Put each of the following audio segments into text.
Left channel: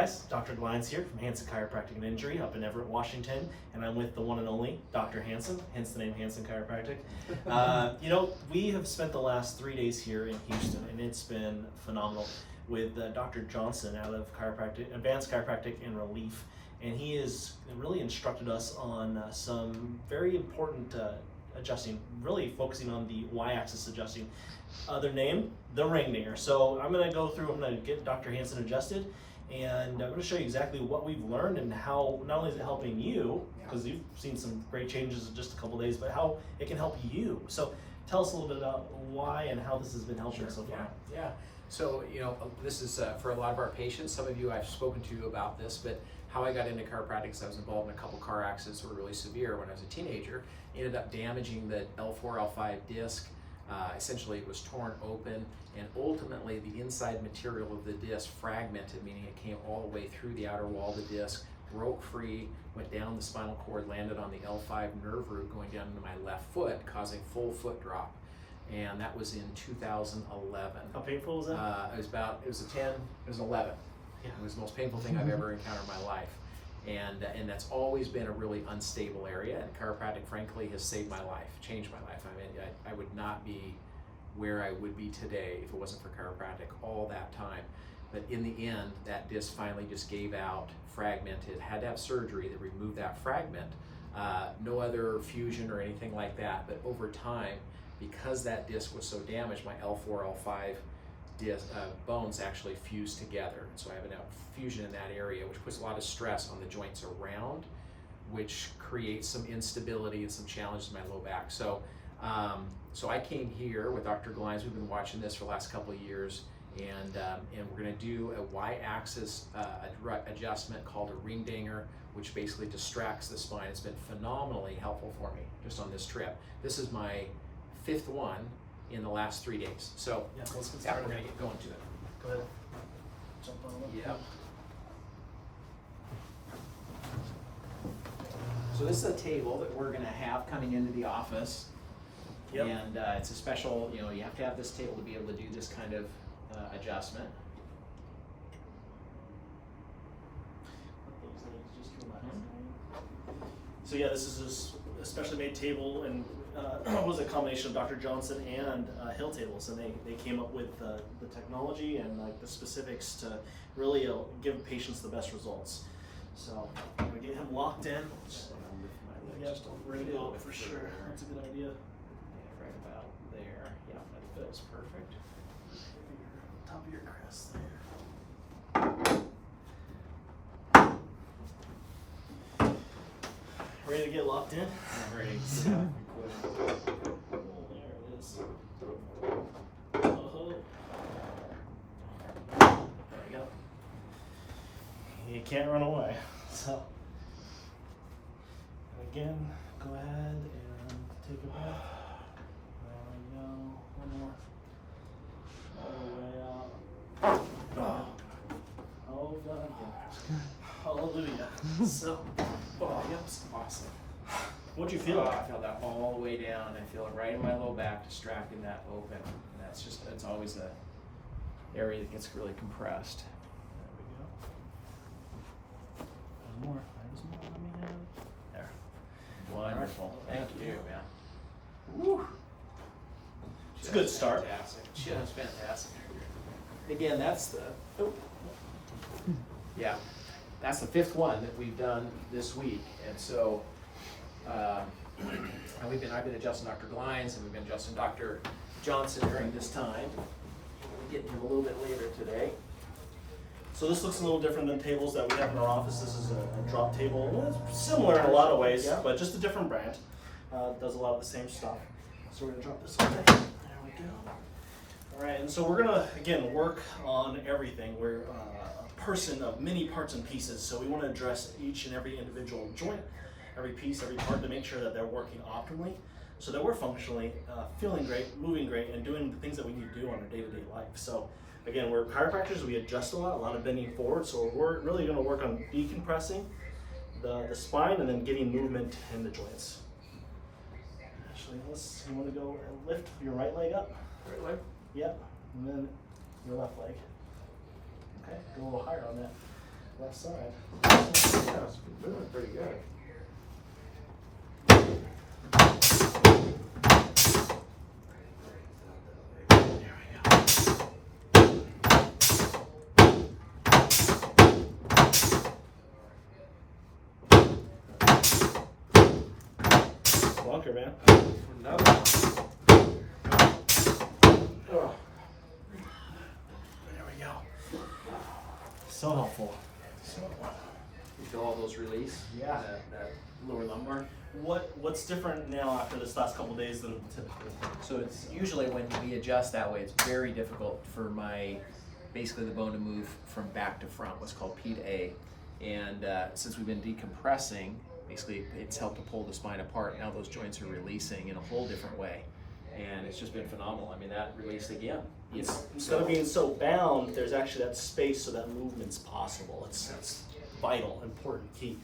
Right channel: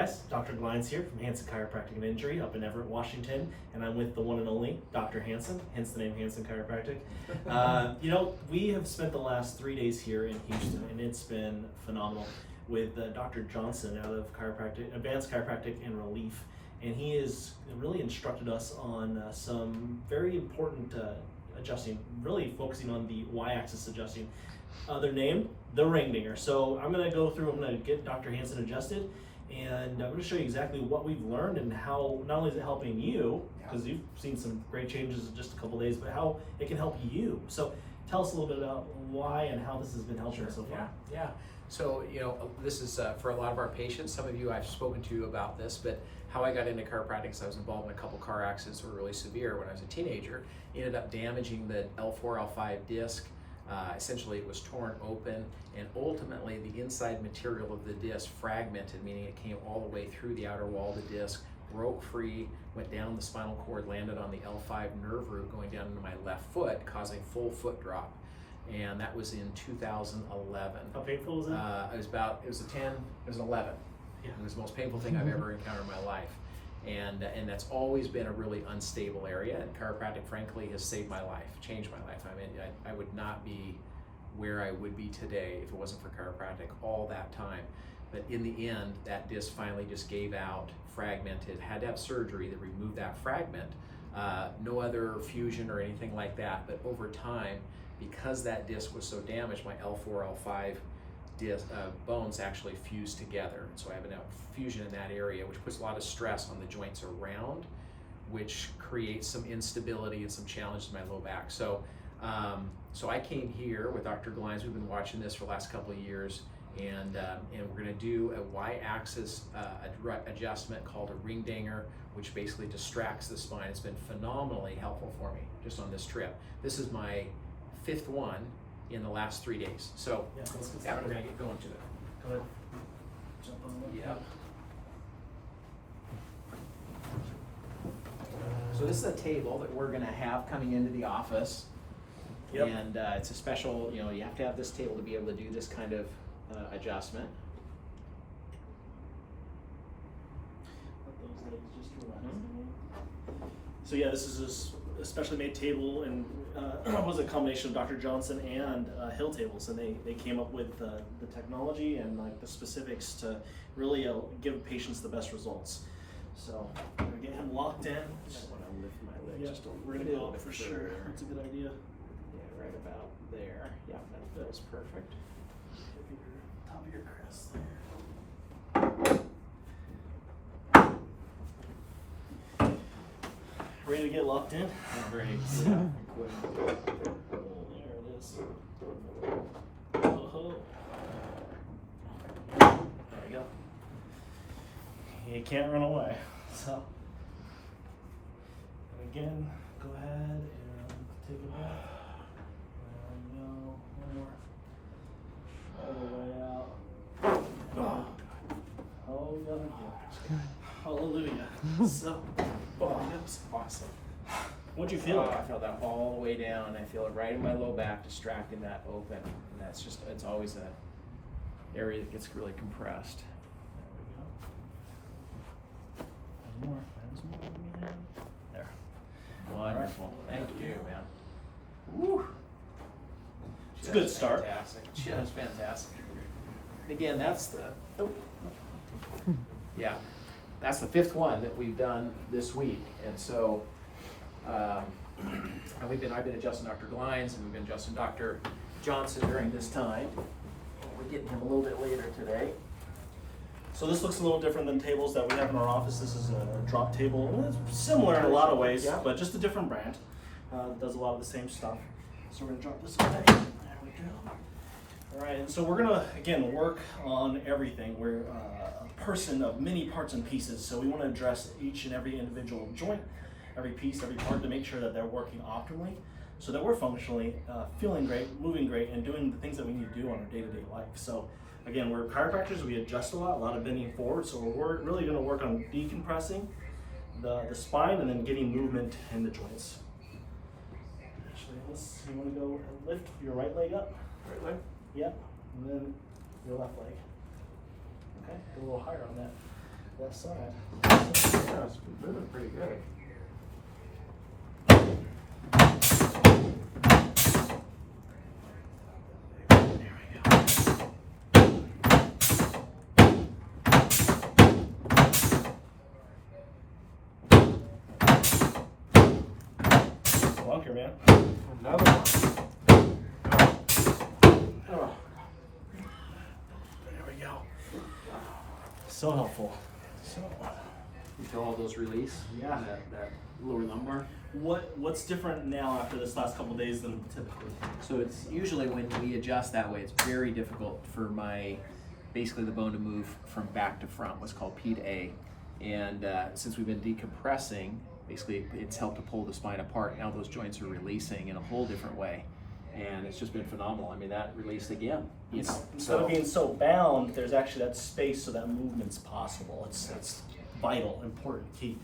guys, Dr. Glines here from Hansen Chiropractic and Injury up in Everett, Washington, and I'm with the one and only Dr. Hansen, hence the name Hansen Chiropractic. We have spent the last 3 days here in Houston, and it's been phenomenal with Dr. Johnson out of Advanced Chiropractic and Relief, and he has really instructed us on some very important adjusting, really focusing on the y-axis adjusting. Their name, the ring dinger. So I'm going to go through, I'm going to get Dr. Hansen adjusted, and I'm going to show you exactly what we've learned and how not only is it helping you, because you've seen some great changes in just a couple days, but how it can help you. So tell us a little bit about why and how this has been helping so far. Yeah. So, this is for a lot of our patients. Some of you I've spoken to about this, but how I got into chiropractic is I was involved in a couple car accidents that were really severe when I was a teenager. Ended up damaging the L4, L5 disc. Essentially it was torn open, and ultimately the inside material of the disc fragmented, meaning it came all the way through the outer wall of the disc, broke free, went down the spinal cord, landed on the L5 nerve root going down into my left foot, causing full foot drop. And that was in 2011. How painful was that? It was an 11. Yeah. It was the most painful thing I've ever encountered in my life. And that's always been a really unstable area, and chiropractic frankly has saved my life, changed my life. I mean, I would not be where I would be today if it wasn't for chiropractic all that time. But in the end, that disc finally just gave out, fragmented, had to have surgery that removed that fragment. No other fusion or anything like that, but over time, because that disc was so damaged, my L4, L5 bones actually fused together. And so I have a fusion in that area, which puts a lot of stress on the joints around, which creates some instability and some challenges in my low back. So I came here with Dr. Glines. We've been watching this for the last couple of years, and we're going to do a y-axis adjustment called a ring dinger, which basically distracts the spine. It's been phenomenally helpful for me just on this trip. This is my 5th one in the last 3 days. So Let's get started. we're going to get going to it. Go ahead. Jump on the Yep. So this is a table that we're going to have coming into the office. Yep. And it's a special, you have to have this table to be able to do this kind of adjustment. Let those legs just relax. So yeah, this is a specially made table, and was a combination of Dr. Johnson and Hill tables, and they came up with the technology and like the specifics to really give patients the best results. So I'm gonna get him locked in. I'll lift my legs just a We're gonna little go bit for sure. further. That's a good idea. Yeah, right about there. Yep, that feels perfect. Top of your crest there. Ready to get locked in? I'm ready. There it is. Oh. There you go. You can't run away. So, and again, go ahead and take a breath. There we go. One more. All the way out. Oh, God again. Hallelujah. So, Oh, that was awesome. what'd you feel? I feel that all the way down. I feel it right in my low back, distracting that open. And that's just, it's always a area that gets really compressed. There we go. There's more. There's more. Let me have it. There. Wonderful. Right. Thank you, man. Woo. It's a good start. Fantastic. Just fantastic. Again, that's the, yeah, that's the 5th one that we've done this week. And so, and I've been adjusting Dr. Glines, and we've been adjusting Dr. Johnson during this time. We're getting him a little bit later today. So this looks a little different than tables that we have in our office. This is a drop table. Well, it's similar in a lot of ways, Yeah. but just a different brand. Does a lot of the same stuff. So we're gonna drop this away. There we go. All right, and so we're gonna, again, work on everything. We're a person of many parts and pieces, so we wanna address each and every individual joint, every piece, every part to make sure that they're working optimally so that we're functionally feeling great, moving great, and doing the things that we need to do on our day-to-day life. So again, we're chiropractors, we adjust a lot of bending forward, so we're really gonna work on decompressing the spine and then getting movement in the joints. Actually, you wanna go and lift your right leg up? Right leg? Yep, and then your left leg. Okay, go a little higher on that. left side. Yeah, it's moving pretty good. Bunker, man. Another one. Oh. There we go. So helpful. So, You feel all those release? yeah. That lower lumbar. What's different now after this last couple of days than typically? So it's usually when we adjust that way, it's very difficult for basically the bone to move from back to front, what's called P to A. And since we've been decompressing, basically it's helped to pull the spine apart. Now those joints are releasing in a whole different way. And it's just been phenomenal. I mean, that released again. Instead of being so bound, there's actually that space so that movement's possible. That's vital, important, key.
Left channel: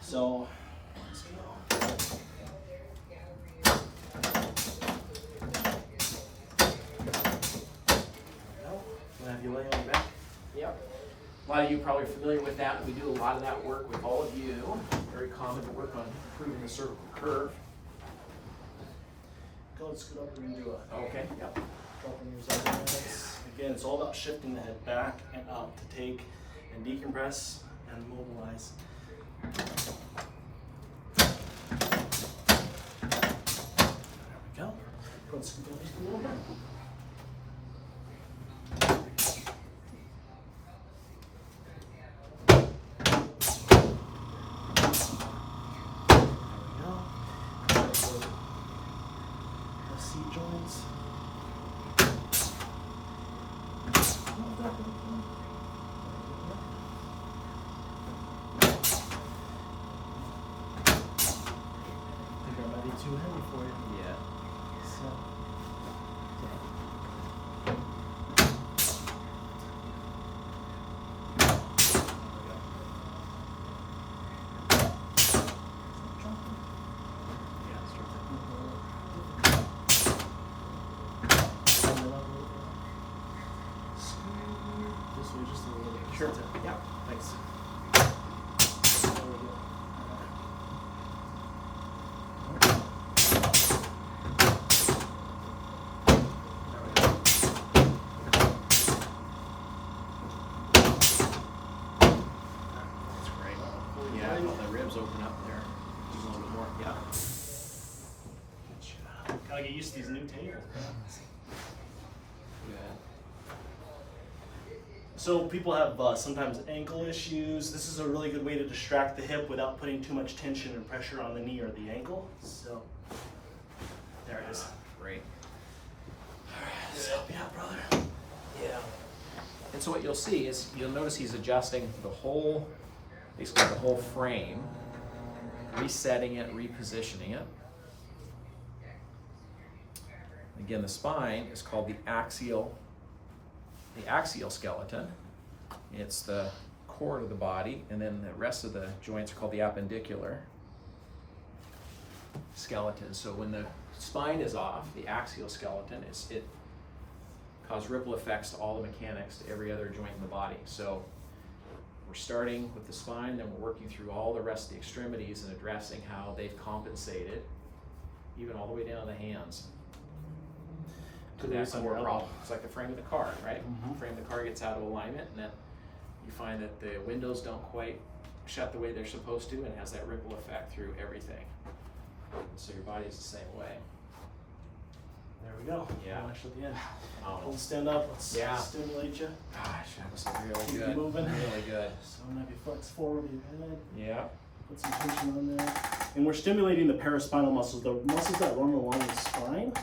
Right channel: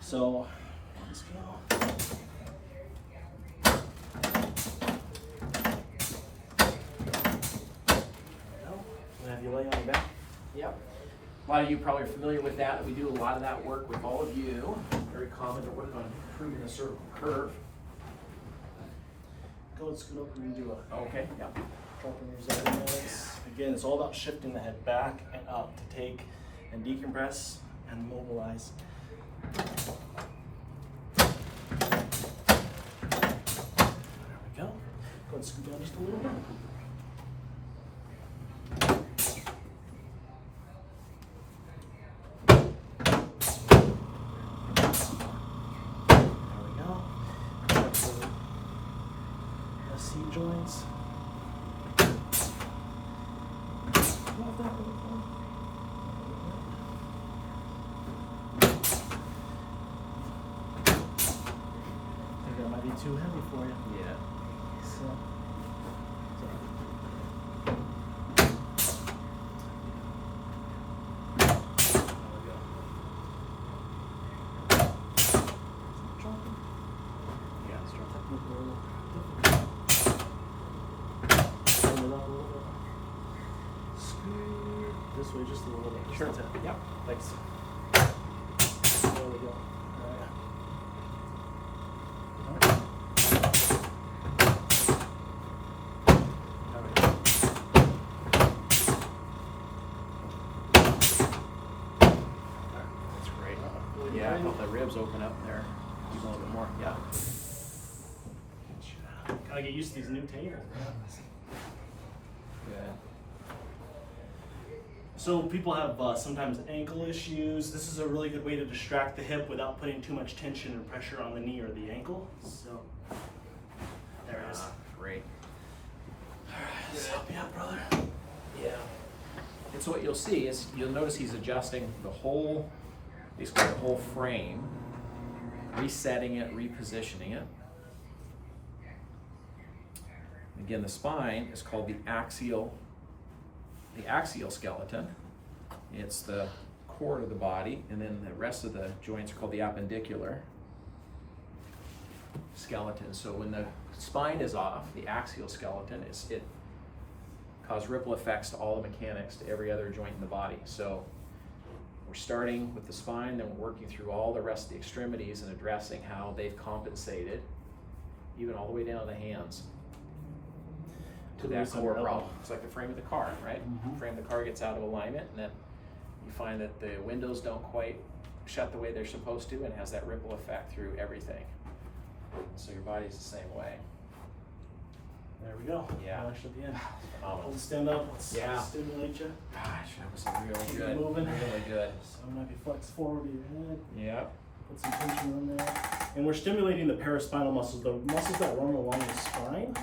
So, let's go. I'm gonna have you lay on your back. Yep. A lot of you probably are familiar with that. We do a lot of that work with all of you. Very common to work on improving the cervical curve. Go and scoot up and do a Okay, yep. dropping your abdominals. Again, it's all about shifting the head back and up to take and decompress and mobilize. There we go. Go and scoot down just a little bit. There we go. Seat joints. I think that might be too heavy for you. Yeah. So, there we go. Dropping. Yeah, it's dropping. Bend it up a little bit. Scoot this way just a little bit. Sure. That's it. Yep. Thanks. There we go. There we go. That's great. Yeah, I felt the ribs open up there a little bit more. Yeah. Gotta get used to these new tables. Good. So people have sometimes ankle issues. This is a really good way to distract the hip without putting too much tension and pressure on the knee or the ankle. So there it is. Great. Let's help you out, brother. Yeah. And so what you'll see is you'll notice he's adjusting the whole, basically the whole frame, resetting it, repositioning it. Again, the spine is called the axial skeleton. It's the core of the body, and then the rest of the joints are called the appendicular skeleton. So when the spine is off, the axial skeleton it causes ripple effects to all the mechanics to every other joint in the body. So we're starting with the spine, then we're working through all the rest of the extremities and addressing how they've compensated, even all the way down to the hands, to that core problem. It's like the frame of the car, right? Mhm. Frame of the car gets out of alignment, and then you find that the windows don't quite shut the way they're supposed to, and has that ripple effect through everything. So your body's the same way. There we go. Yeah. Relax at the end. Phenomenal. Let's stand up. Let's Yeah. stimulate you. Gosh, that was really Keep good. moving. Really good. So I'm gonna have you flex forward with your head. Yeah. Put some tension on there. And we're stimulating the paraspinal muscles, the muscles that run along the spine.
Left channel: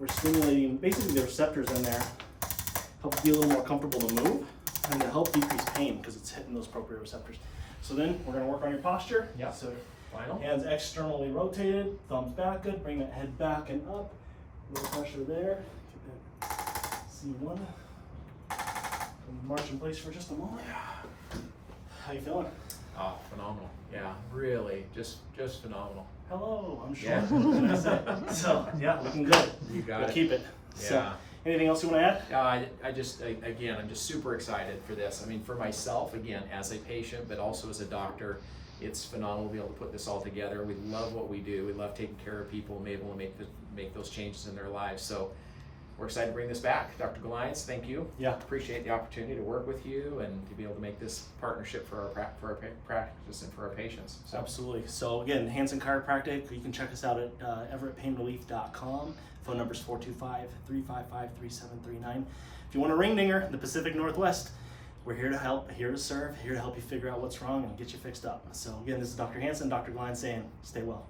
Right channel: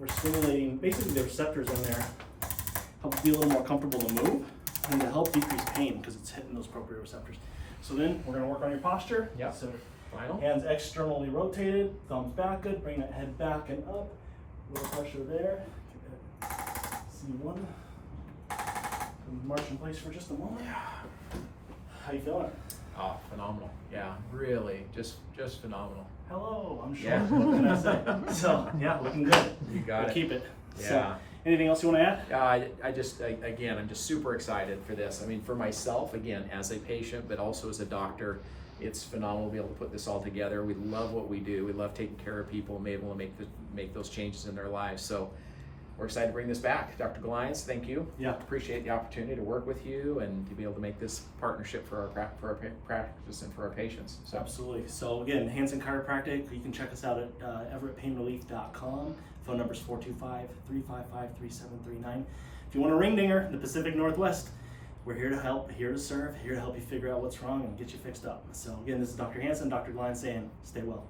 We're stimulating basically the receptors in there, help it be a little more comfortable to move, and to help decrease pain because it's hitting those proprioceptors. So then we're gonna work on your posture. Yep. So Final. hands externally rotated, thumbs back good, bring that head back and up. A little pressure there. Get that C1. And march in place for just a moment. How you feeling? Oh, phenomenal. Yeah, really, just phenomenal. Hello, I'm sure. Yeah. What can I say? So yeah, looking good. You got We'll it. keep it. So, Yeah. Anything else you want to add? Again, I'm just super excited for this. I mean, for myself, again, as a patient, but also as a doctor, it's phenomenal to be able to put this all together. We love what we do. We love taking care of people and be able to make those changes in their lives. So we're excited to bring this back. Dr. Goliath, thank you. Yeah. Appreciate the opportunity to work with you and to be able to make this partnership for our practice and for our patients. So. Absolutely. So again, Hansen Chiropractic, you can check us out at everettpainrelief.com. Phone number is 425-355-3739. If you want a ring dinger in the Pacific Northwest, we're here to help, here to serve, here to help you figure out what's wrong and get you fixed up. So again, this is Dr. Hansen, Dr. Glenn saying, stay well.